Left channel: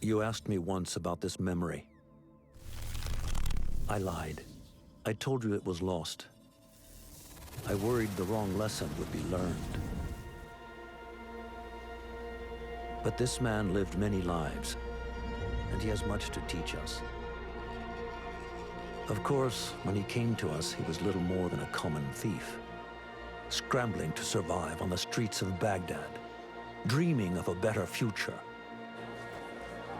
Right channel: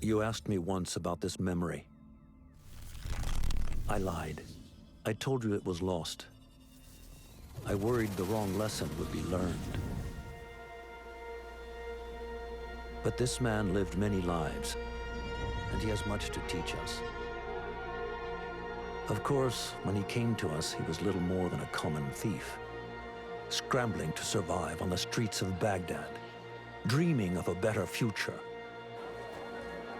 You asked me once about this memory. I lied. I told you it was lost. I worried the wrong lesson would be learned. But this man lived many lives, and he has much to teach us. Of course, when he came to us, he was little more than a common thief, scrambling to survive on the streets of Baghdad, dreaming of a better future.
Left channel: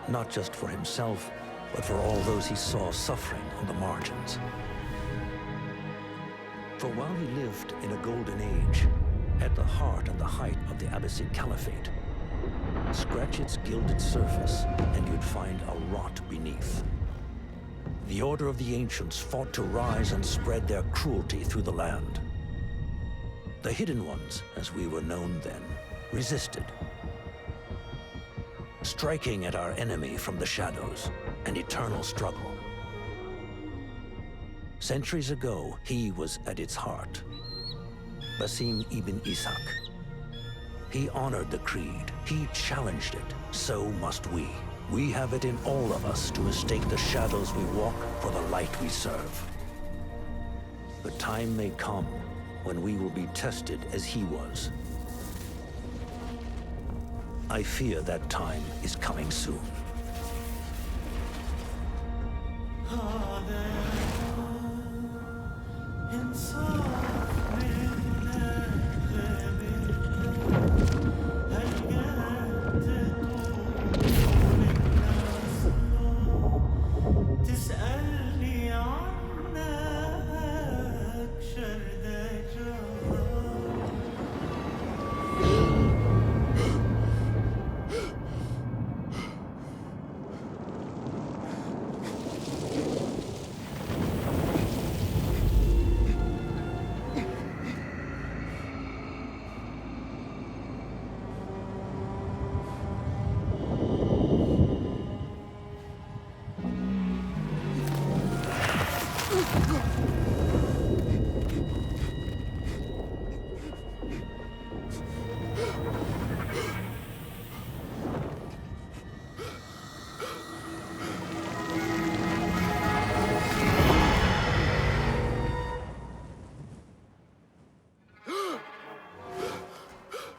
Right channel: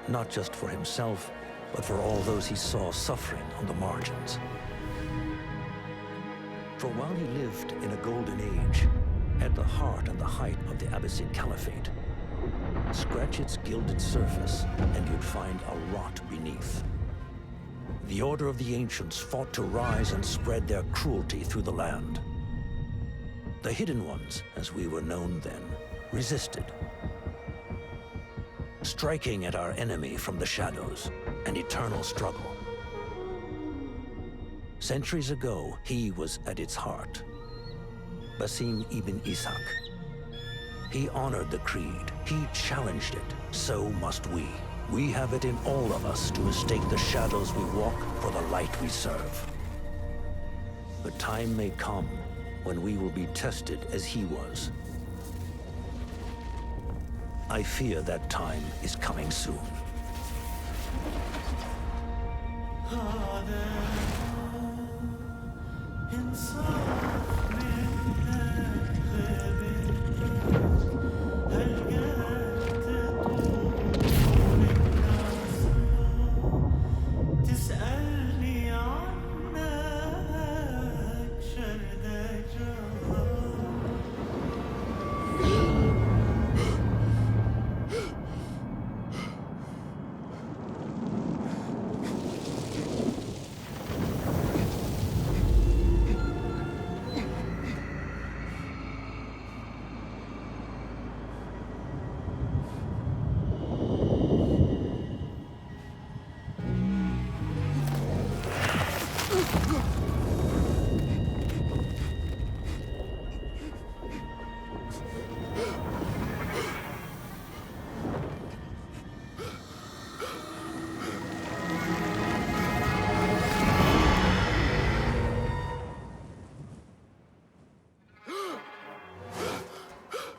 Not just for himself, but for all those he saw suffering on the margins. For while he lived in a golden age, at the heart and the height of the Abbasid Caliphate, scratch its gilded surface and you'd find a rot beneath. The Order of the Ancients fought to rise and spread their cruelty through the land. The Hidden Ones, as we were known then, resisted, striking at our enemy from the shadows, an eternal struggle. Centuries ago, he was at its heart, Basim ibn Ishaq. He honored the creed, he challenged it, so must we. We have it in all of us to mistake the shadows we walk for the light we serve. The time may come when we will be tested as he was. I fear that time is coming soon.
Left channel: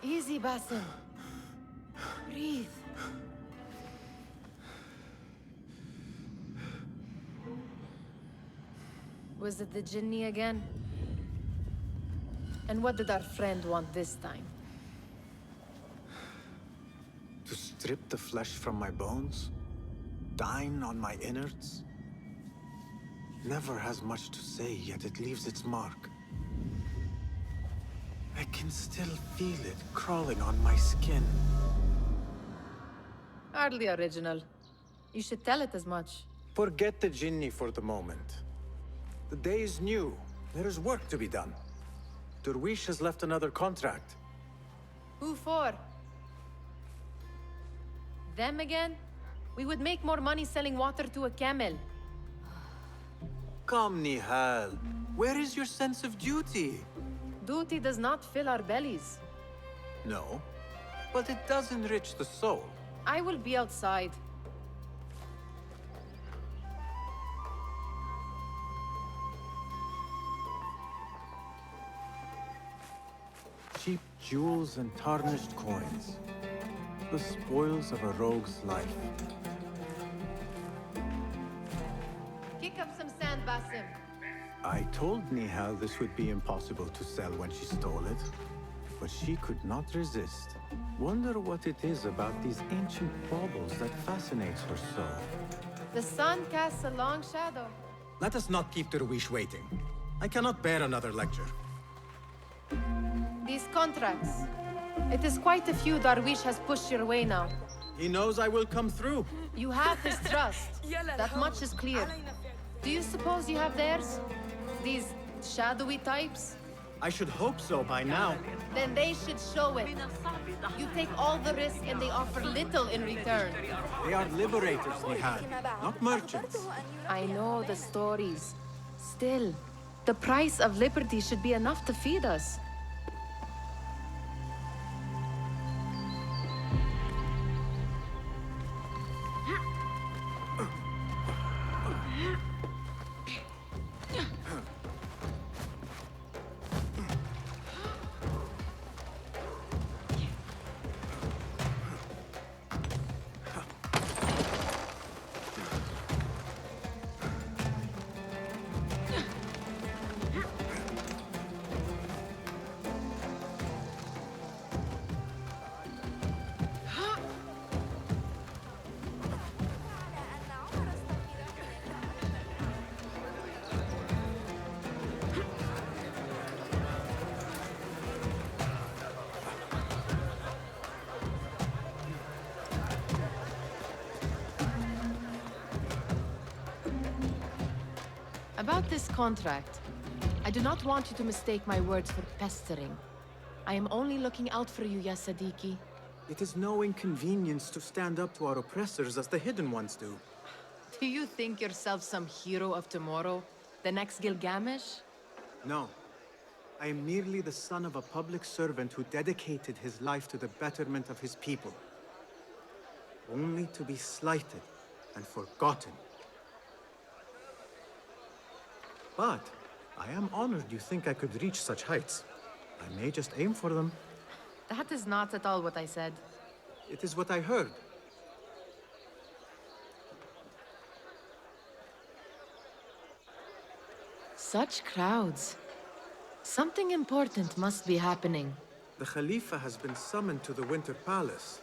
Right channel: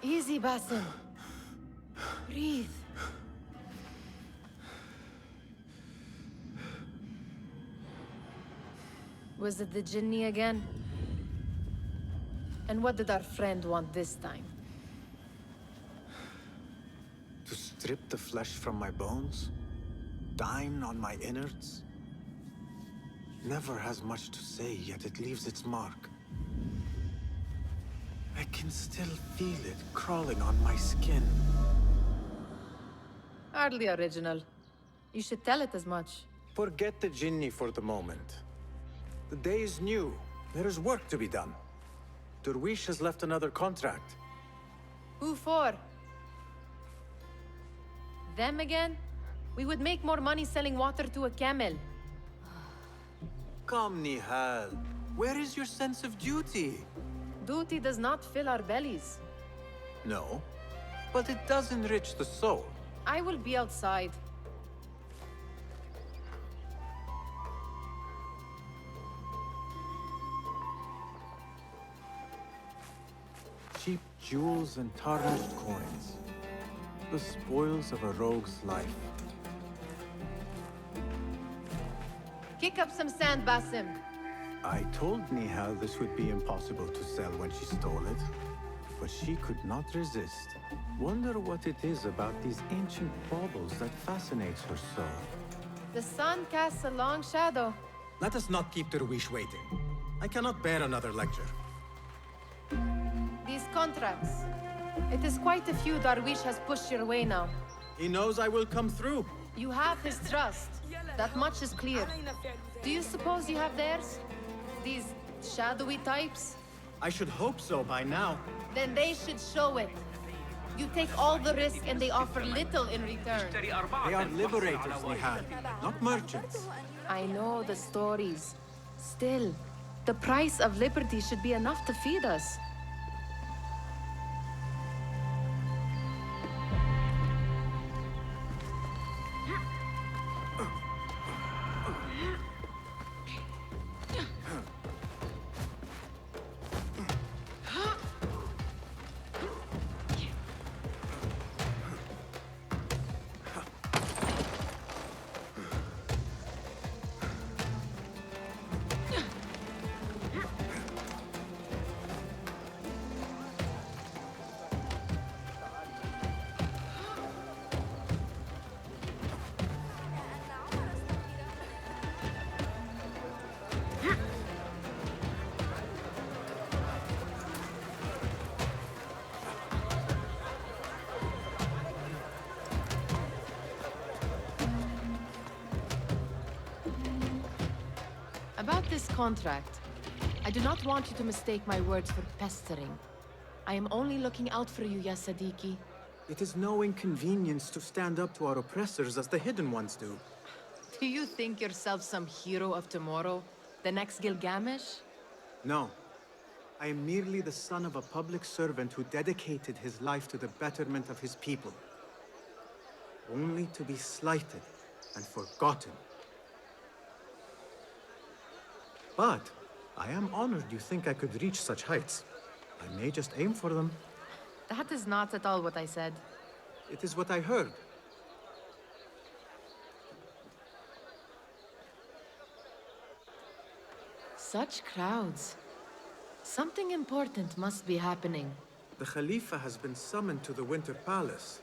Easy, Basim. Breathe. Was it the Jinni again? And what did our friend want this time? To strip the flesh from my bones? Dine on my innards? Never has much to say, yet it leaves its mark. I can still feel it crawling on my skin. Hardly original. You should tell it as much. Forget the Jinni for the moment. The day is new. There is work to be done. Derwish has left another contract. Who for? Them again? We would make more money selling water to a camel. Come, Nihal. Where is your sense of duty? Duty does not fill our bellies. No, but it does enrich the soul. I will be outside. Cheap jewels and tarnished coins. The spoils of a rogue's life. Kick up some sand, Basim. I told Nihal this would be impossible to sell when she stole it, but she could not resist. Wonder what it is about these ancient baubles that fascinates her so. The sun casts a long shadow. Let us not keep Derwish waiting. I cannot bear another lecture. These contracts. It is quite a few Darwish has pushed your way now. He knows I will come through. You have his trust. That much is clear. Do you suppose you have theirs? These shadowy types? I should hope so by now. Then they should show it. You take all the risk and they offer little in return. They are liberators, Nihal, not merchants. I know the stories. Still, the price of liberty should be enough to feed us. About this contract, I do not want you to mistake my words for pestering. I am only looking out for you, ya Sadiki. It is no inconvenience to stand up to our oppressors as the Hidden Ones do. Do you think yourself some hero of tomorrow? The next Gilgamesh? No. I am merely the son of a public servant who dedicated his life to the betterment of his people. Only to be slighted and forgotten. But I am honored you think I could reach such heights. I may just aim for them. That is not at all what I said. It is what I heard. Such crowds. Something important must be happening. The Khalifa has been summoned to the Winter Palace.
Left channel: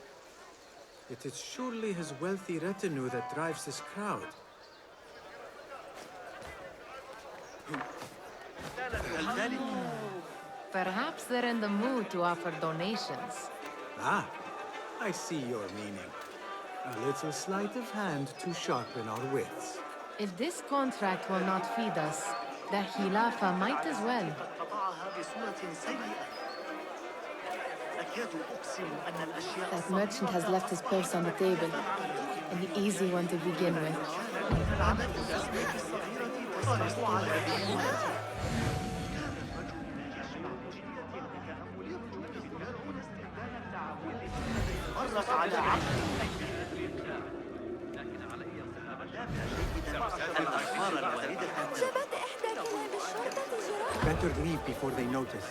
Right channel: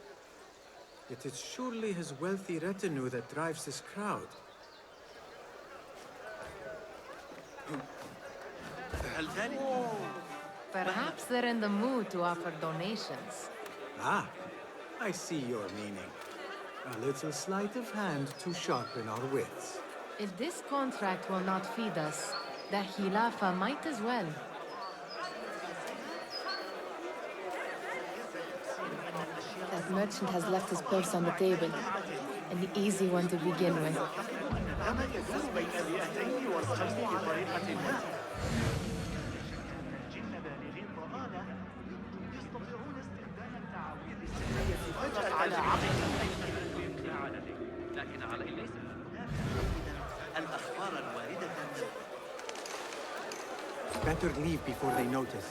It is surely his wealthy retinue that drives this crowd. Perhaps they're in the mood to offer donations. Ah, I see your meaning. A little sleight of hand to sharpen our wits. If this contract will not feed us, the Khilafa might as well. That merchant has left his purse on the table. An easy one to begin with. Better leave before they notice.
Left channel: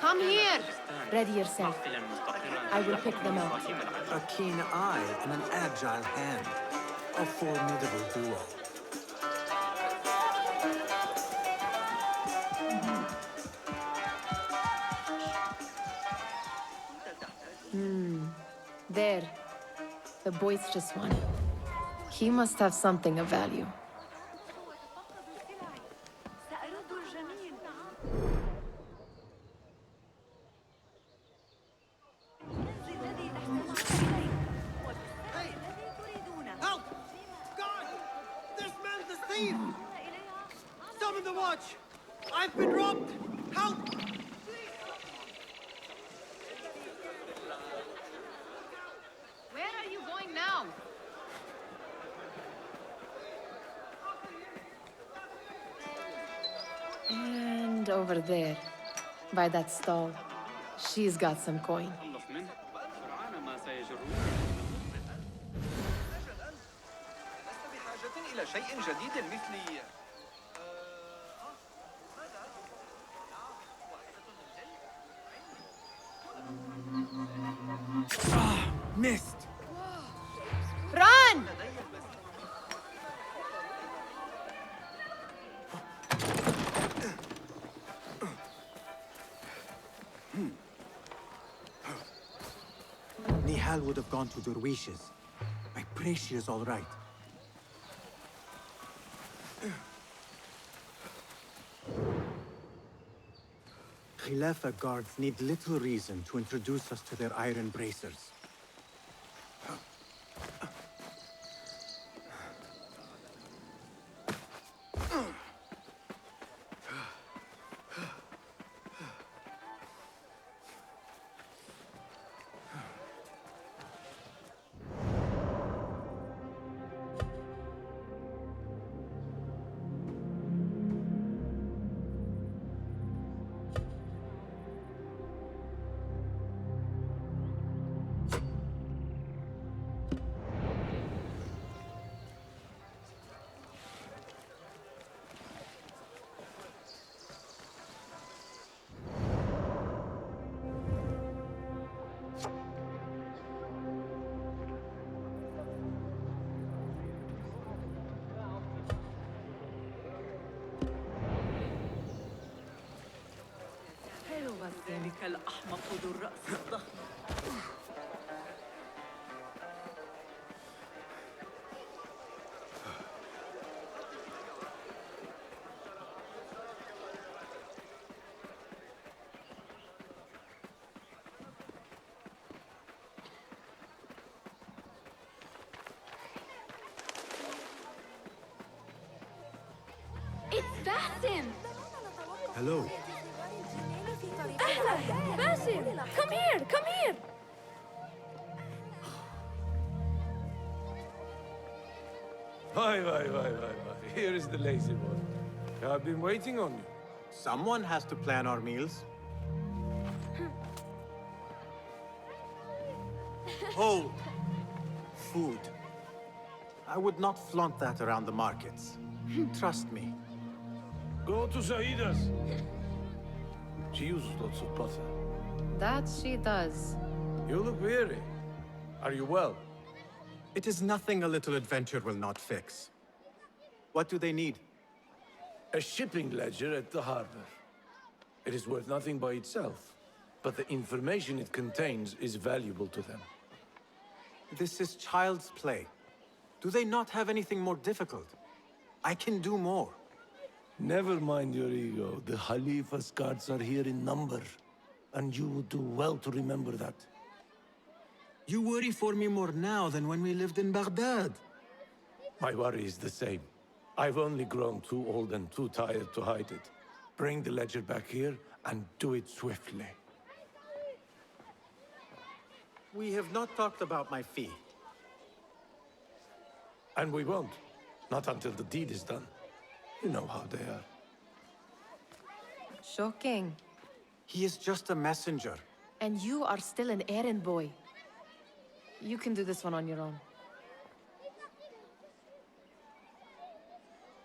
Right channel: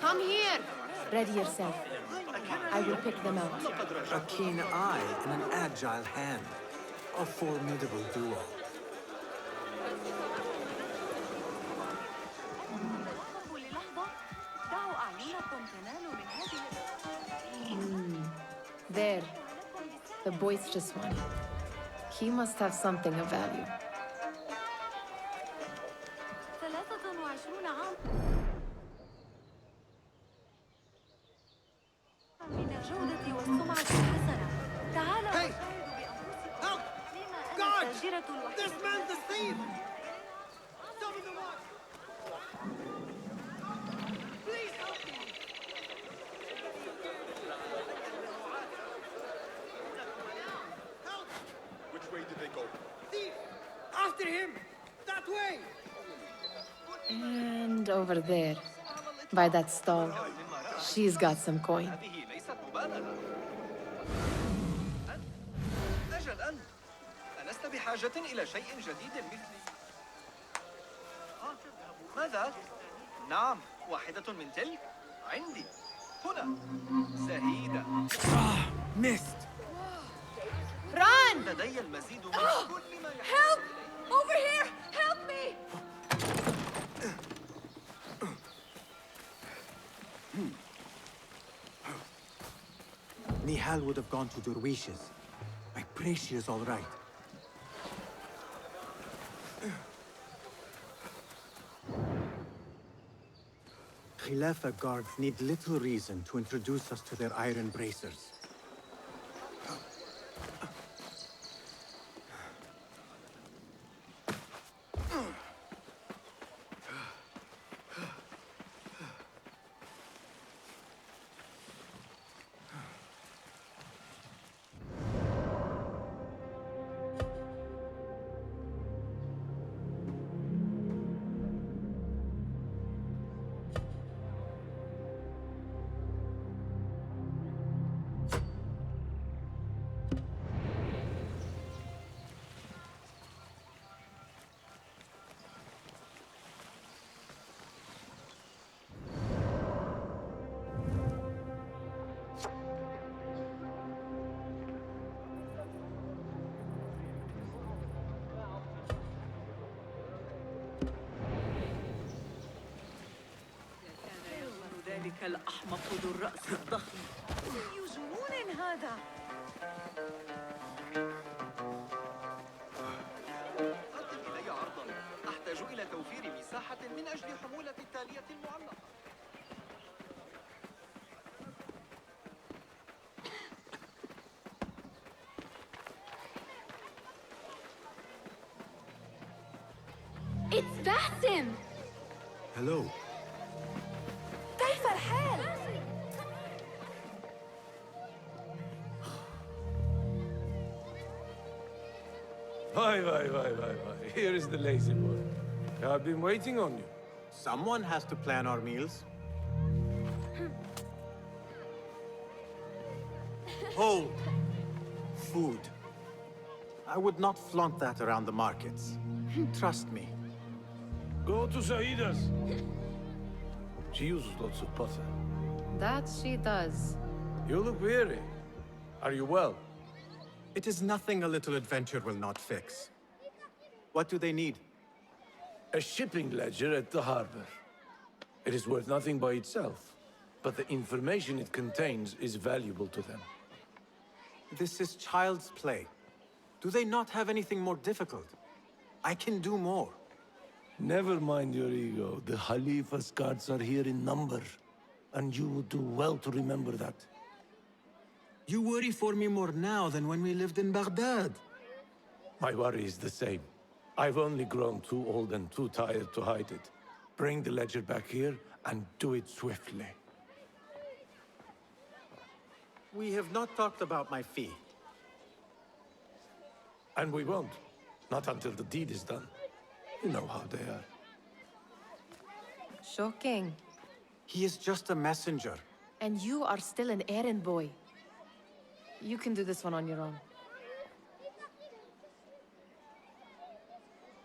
Come here! Ready yourself. I will pick them out. A keen eye and an agile hand. A formidable duo. There. The boisterous one. He must have something of value. Hey! Help! Guard! This man's a thief! Summon the watch! I've been robbed! Help! Please help me! Where are you going now? Thief! After him! That way! And over there. By that stall. She's got some coin. أجل أنت ألست بحاجة إلى شيء جديد مثل ماذا؟ نعم واحدة من تلك عندي هنا زهيدة Missed! Run! لدي المزيد من كل ما Help! Over here! Help me! Nihal would have gone to Derwishes. I pray she is all right. Khilafa guards need little reason to introduce us to their iron bracers. ذلك الأحمق ذو الرأس الضخم. أحتاج إلى توفير مساحة من أجل الحمولة التالية المعلقة Basim! Hello. Basim! Come here! Come here! Why. Here is the lazy boy. I've been waiting on you. Someone has to plan our meals. Hold. Food. I would not flaunt that around the markets. Trust me. Go to Saida's. She uses lots of butter. That she does. You look weary. Are you well? It is nothing a little adventure will not fix. What do they need? A shipping ledger at the harbor. It is worth nothing by itself, but the information it contains is valuable to them. This is child's play. Do they not have anything more difficult? I can do more. Never mind your ego. The Khalifa's guards are here in number, and you would do well to remember that. You worry for me more now than when we lived in Baghdad. My worry is the same. I've only grown too old and too tired to hide it. Bring the ledger back here, and do it swiftly. We have not talked about my fee. And we won't. Not until the deed is done. You know how they are. Shocking. He is just a messenger. And you are still an errand boy. You can do this one on your own.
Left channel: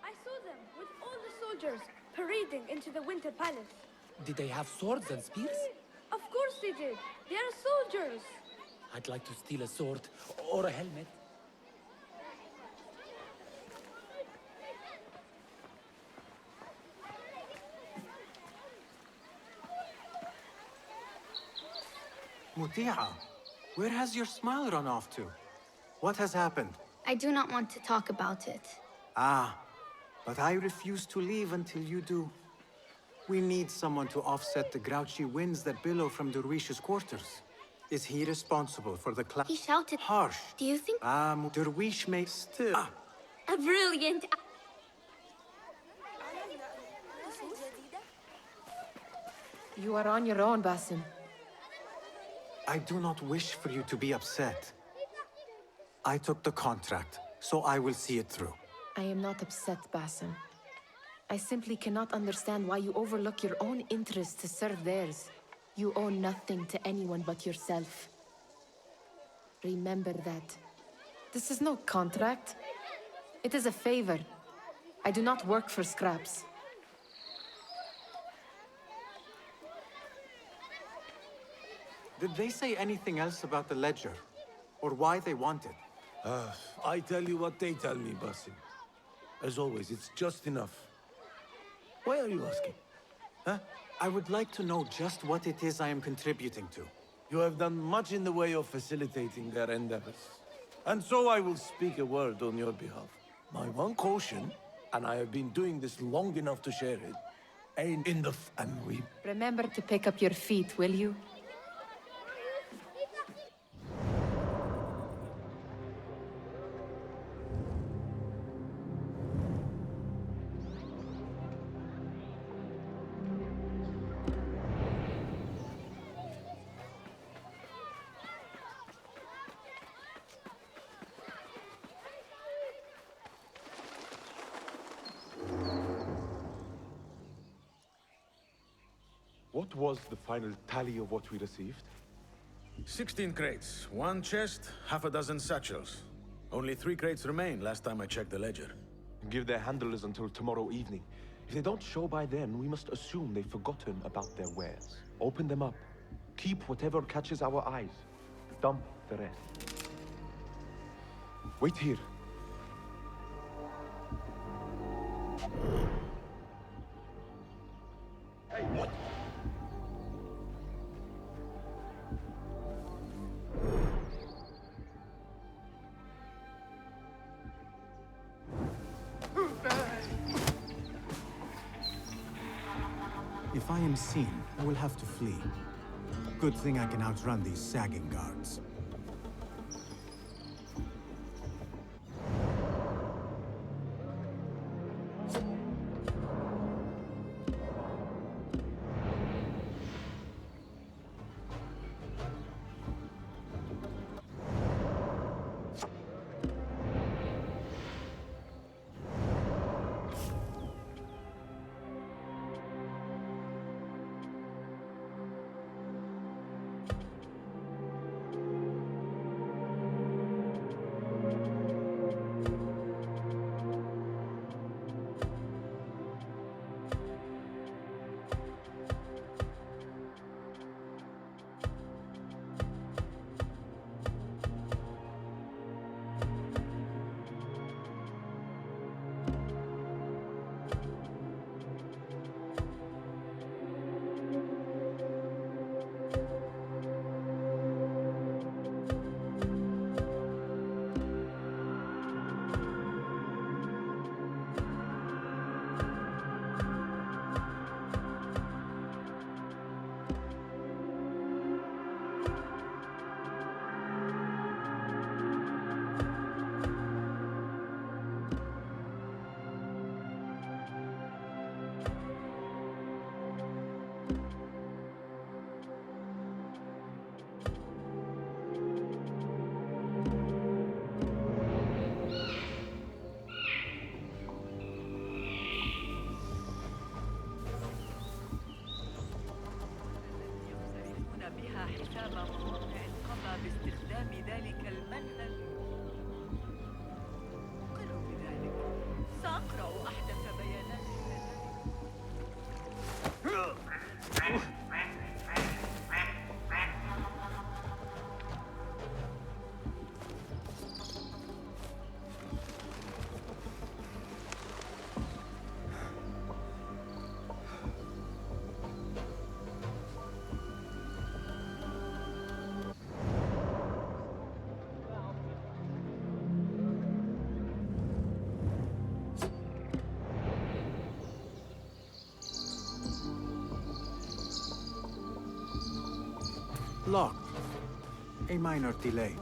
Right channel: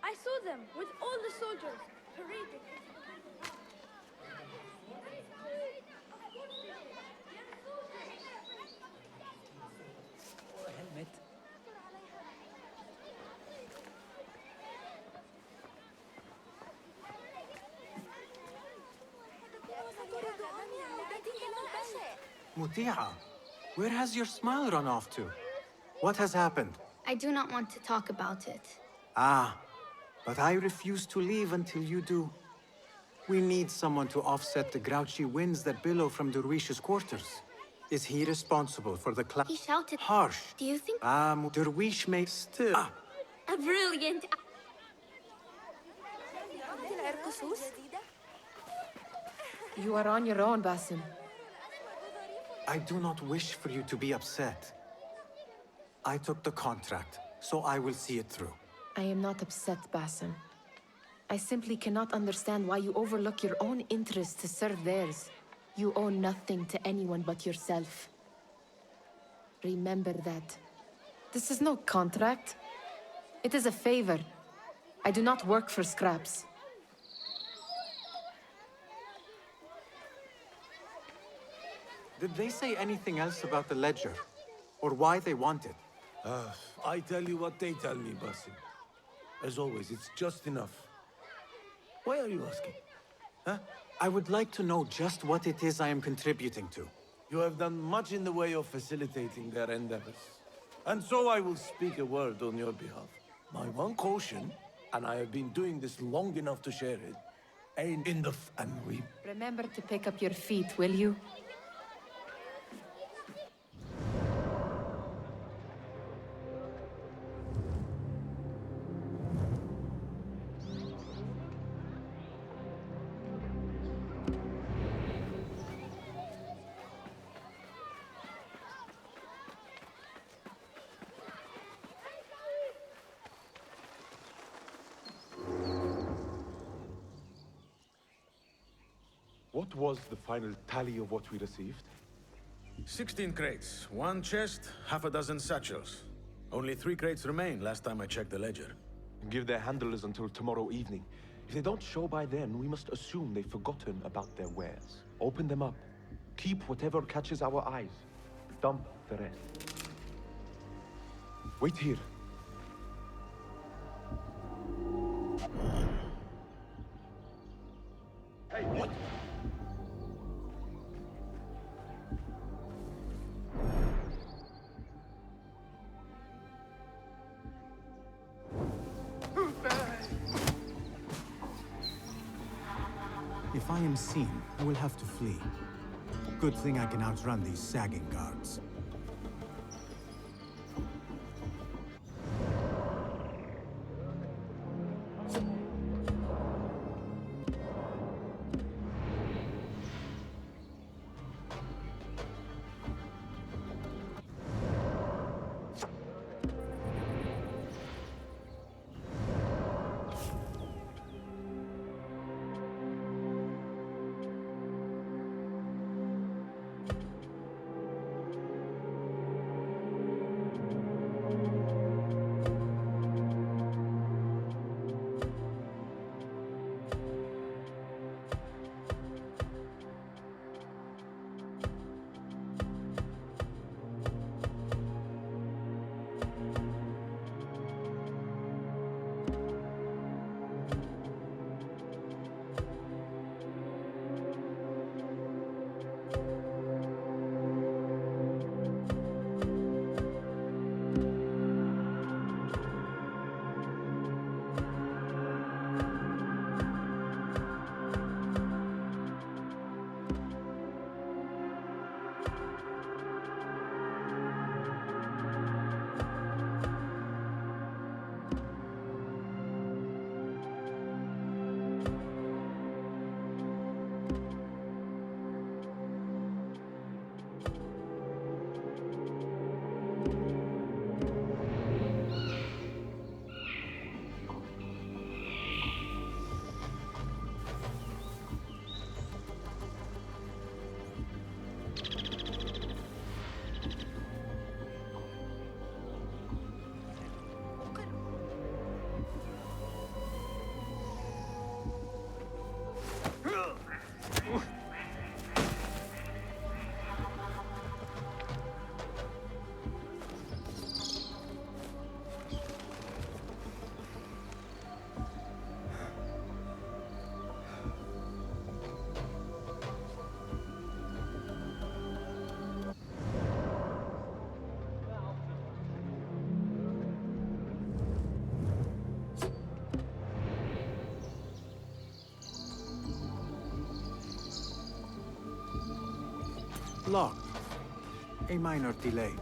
I saw them with all the soldiers parading into the Winter Palace. Did they have swords and spears? Of course they did. They are soldiers. I'd like to steal a sword or a helmet. Muti'a, where has your smile run off to? What has happened? I do not want to talk about it. Ah, but I refuse to leave until you do. We need someone to offset the grouchy winds that billow from Derwish's quarters. Is he responsible for the He shouted. Harsh. Do you think Derwish may still... a brilliant... You are on your own, Basim. I do not wish for you to be upset. I took the contract, so I will see it through. I am not upset, Basim. I simply cannot understand why you overlook your own interests to serve theirs. You owe nothing to anyone but yourself. Remember that. This is no contract. It is a favor. I do not work for scraps. Did they say anything else about the ledger? Or why they want it? I tell you what they tell me, Basim. As always, it's just enough. Why are you asking? Huh? I would like to know just what it is I am contributing to. You have done much in the way of facilitating their endeavors. And so I will speak a word on your behalf. My one caution, and I have been doing this long enough to share it, ain't in the and we... Remember to pick up your feet, will you? What was the final tally of what we received? 16 crates, 1 chest, half a dozen satchels. Only 3 crates remain last time I checked the ledger. Give their handlers until tomorrow evening. If they don't show by then, we must assume they've forgotten about their wares. Open them up. Keep whatever catches our eyes. Dump the rest. Wait here. Hey, what? If I am seen, I will have to flee. Good thing I can outrun these sagging guards. Locked. A minor delay.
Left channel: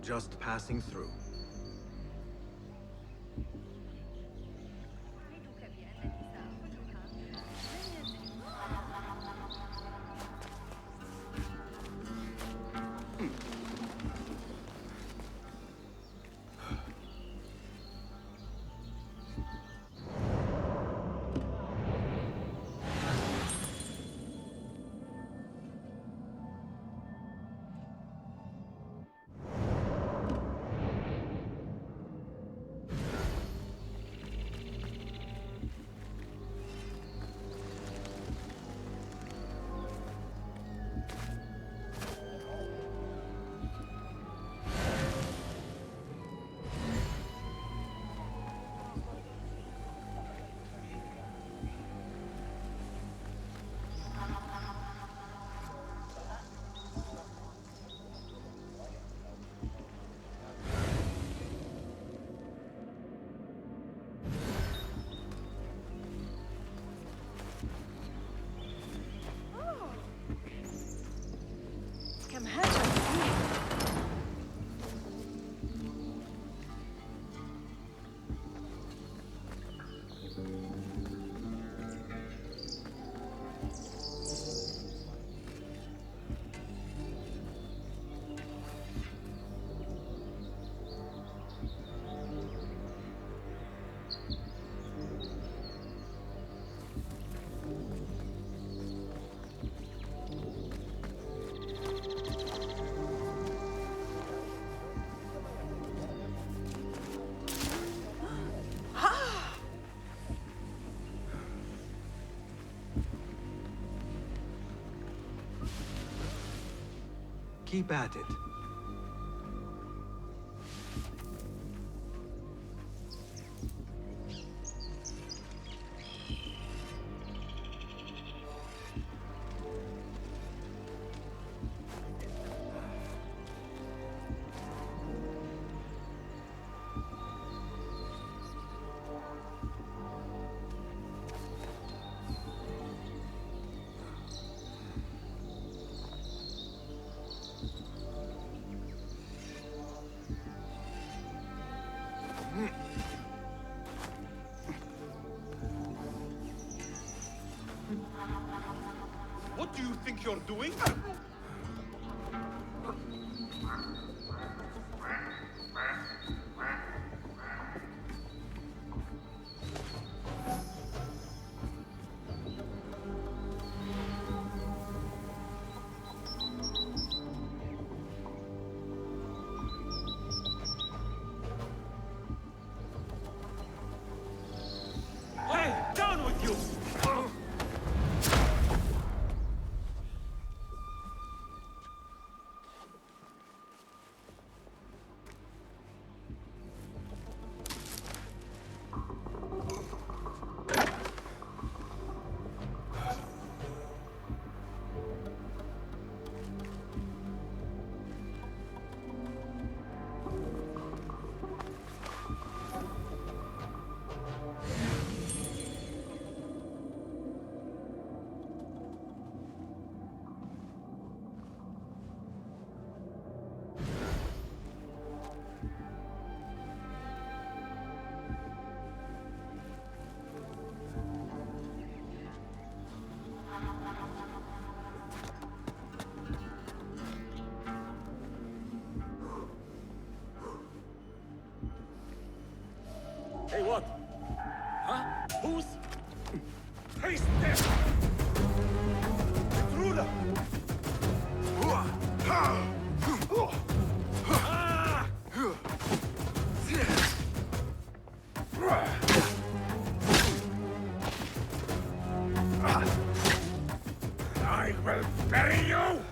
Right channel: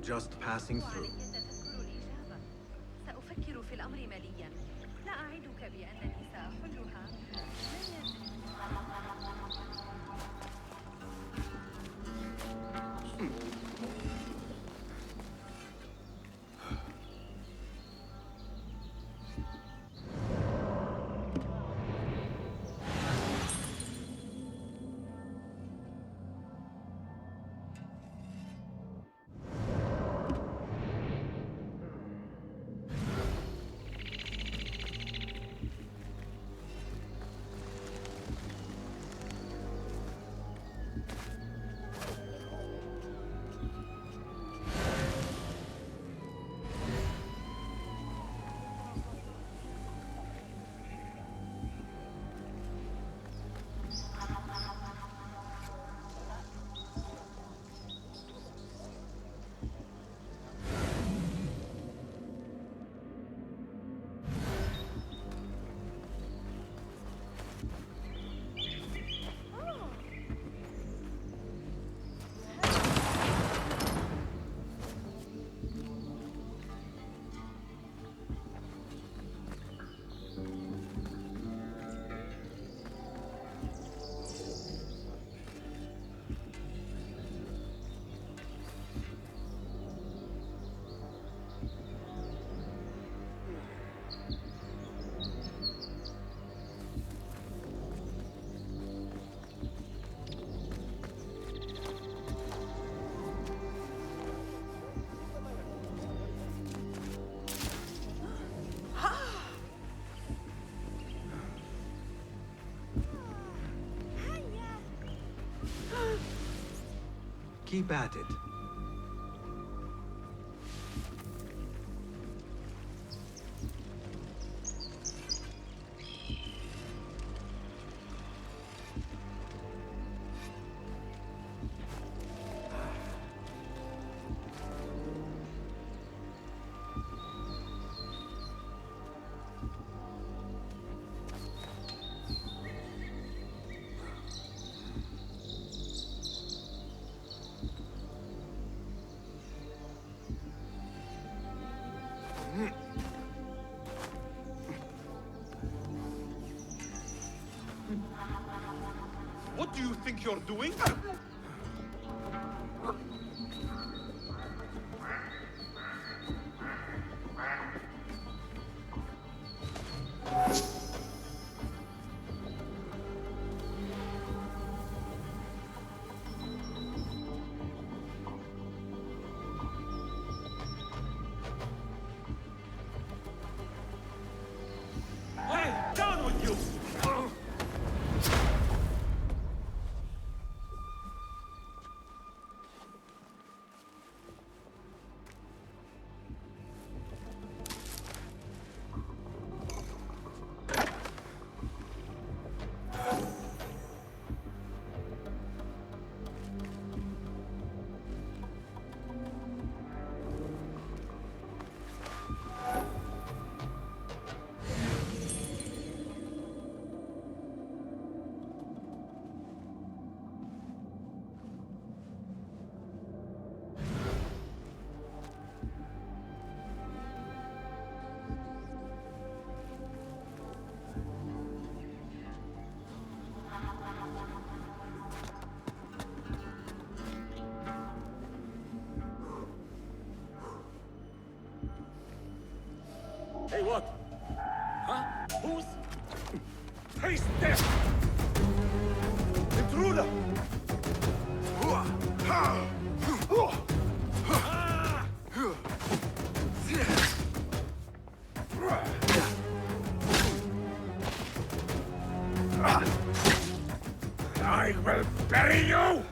Just passing through. سأفكر في الأمر ماليا. لا أعدك بأنني سأحلها. لن يزل. Keep at it. What do you think you're doing? Hey, down with you! Hey, what? Huh? Who's? Taste death! Intruder! I will bury you!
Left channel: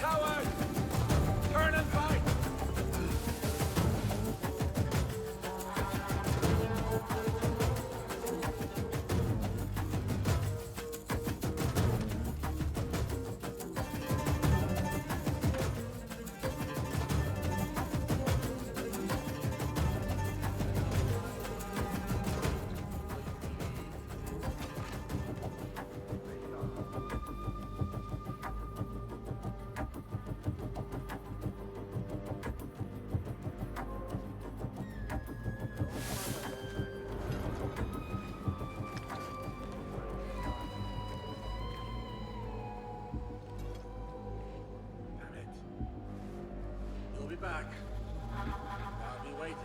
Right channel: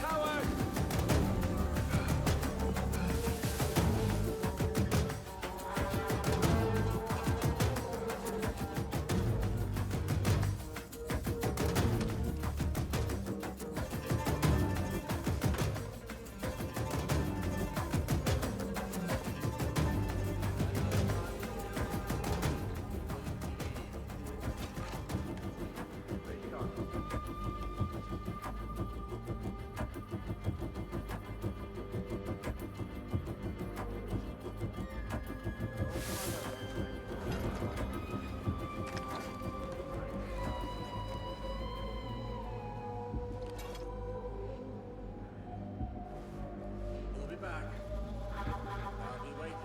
Coward! Turn and fight! You'll be back. I'll be waiting.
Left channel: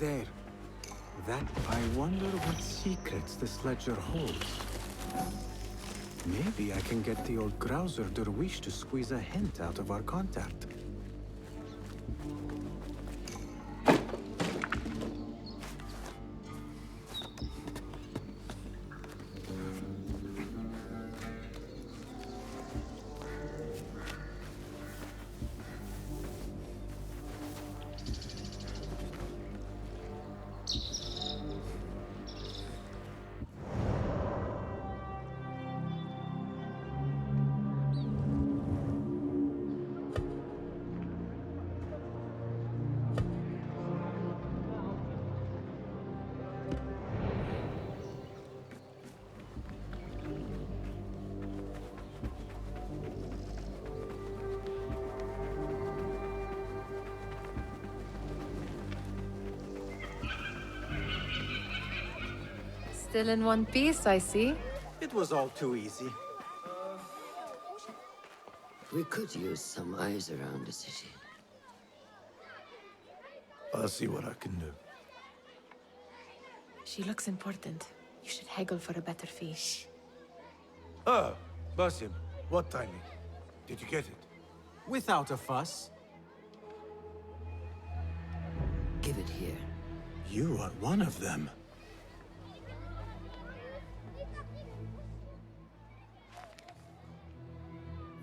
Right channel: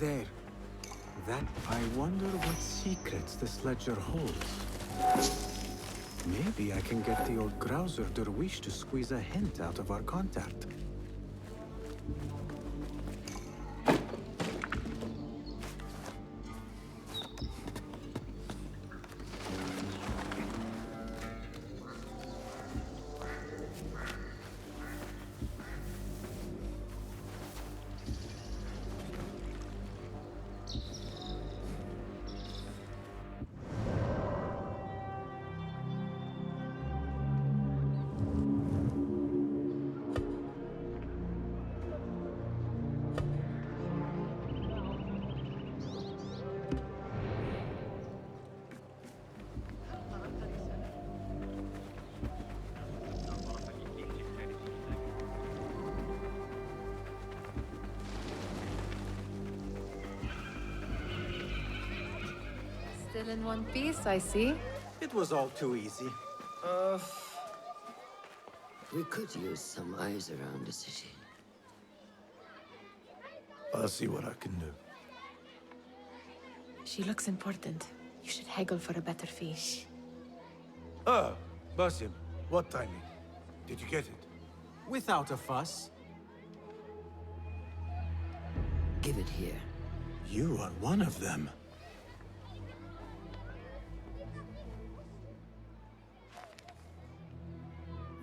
There. I wonder what secrets this ledger holds. Maybe I can get the old grouser Derwish to squeeze a hint out of our contact. Still in one piece, I see. It was all too easy. We could use some eyes around the city. I'll see what I can do. She looks important. You should haggle for a better fee. Ah, Basim, what timing? Did you get it? Without a fuss. Give it here. You are one of them.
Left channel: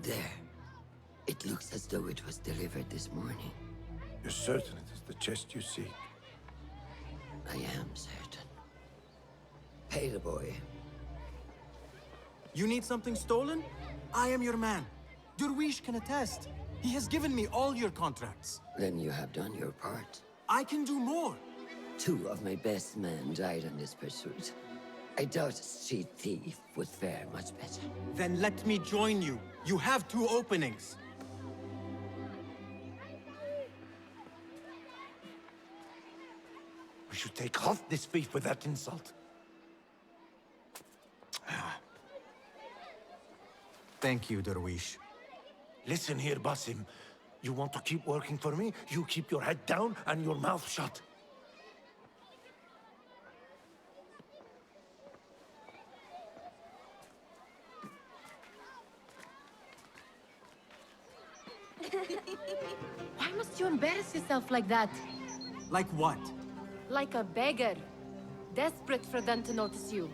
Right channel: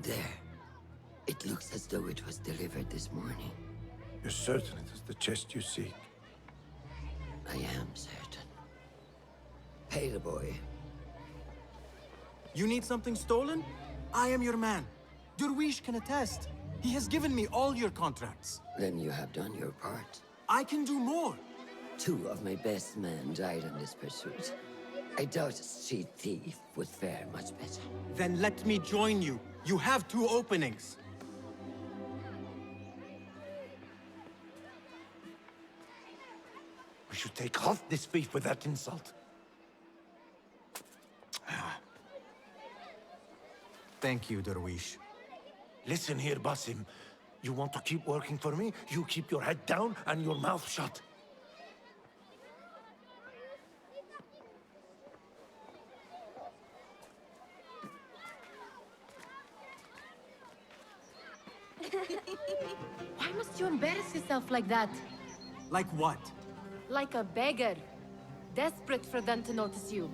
There. It looks as though it was delivered this morning. You're certain it is the chest you seek? I am certain. Pay the boy. You need something stolen? I am your man. Durwish can attest. He has given me all your contracts. Then you have done your part. I can do more. 2 of my best men died in this pursuit. I doubt a street thief would fare much better. Then let me join you. You have 2 openings. We should take off this thief with that insult. Thank you, Durwish. Listen here, Basim. You want to keep working for me? You keep your head down and your mouth shut. Why must you embarrass yourself like that? Like what? Like a beggar. Desperate for them to notice you.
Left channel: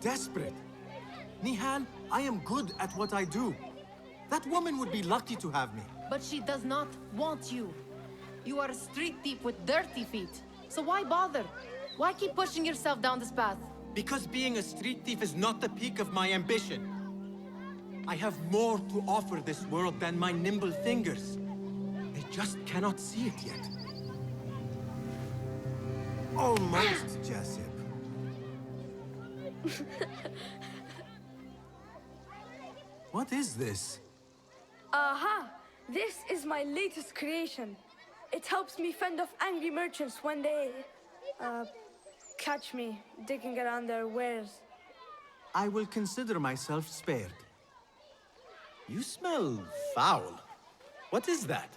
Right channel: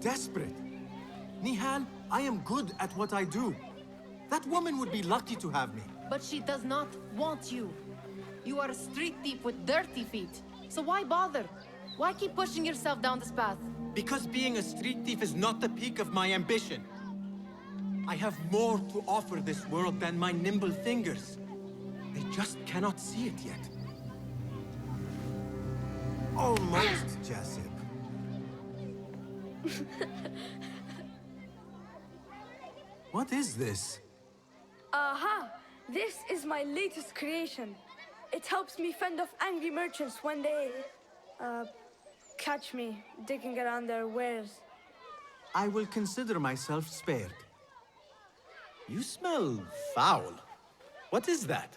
Desperate? Nihal, I am good at what I do. That woman would be lucky to have me. But she does not want you. You are a street thief with dirty feet. So why bother? Why keep pushing yourself down this path? Because being a street thief is not the peak of my ambition. I have more to offer this world than my nimble fingers. I just cannot see it yet. Almost, Jessup. What is this? Aha! This is my latest creation. It helps me fend off angry merchants when they... catch me digging around their wares. I will consider myself spared. You smell foul. What is that?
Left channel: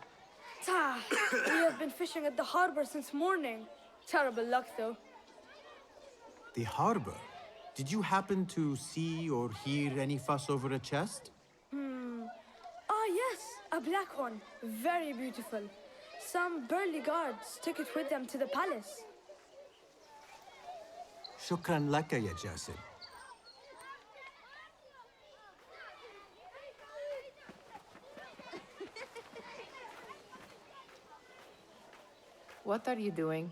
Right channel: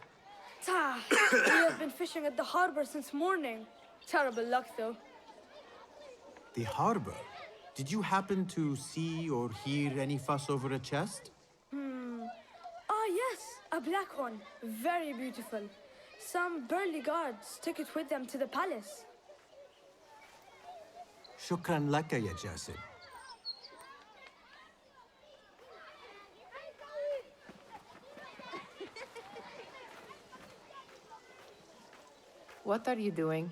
We have been fishing at the harbor since morning. Terrible luck, though. The harbor? Did you happen to see or hear any fuss over a chest? Ah, yes, a black one. Very beautiful. Some burly guards took it with them to the palace. Shukran laka ya Jasib. What are you doing?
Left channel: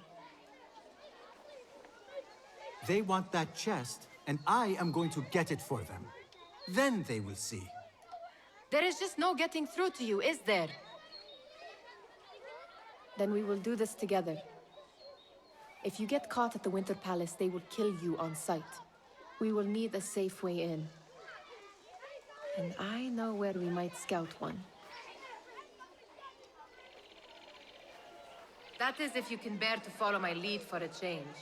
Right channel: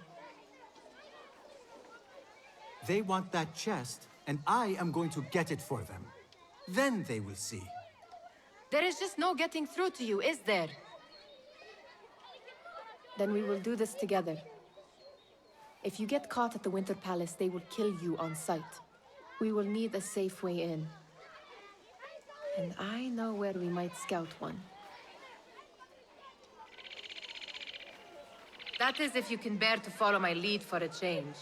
They want that chest, and I am going to get it for them. Then they will see. There is just no getting through to you, is there? Then we will do this together. If you get caught at the Winter Palace, they will kill you on sight. We will need a safe way in. And I know where we might scout one. That is if you can bear to follow my lead for a change.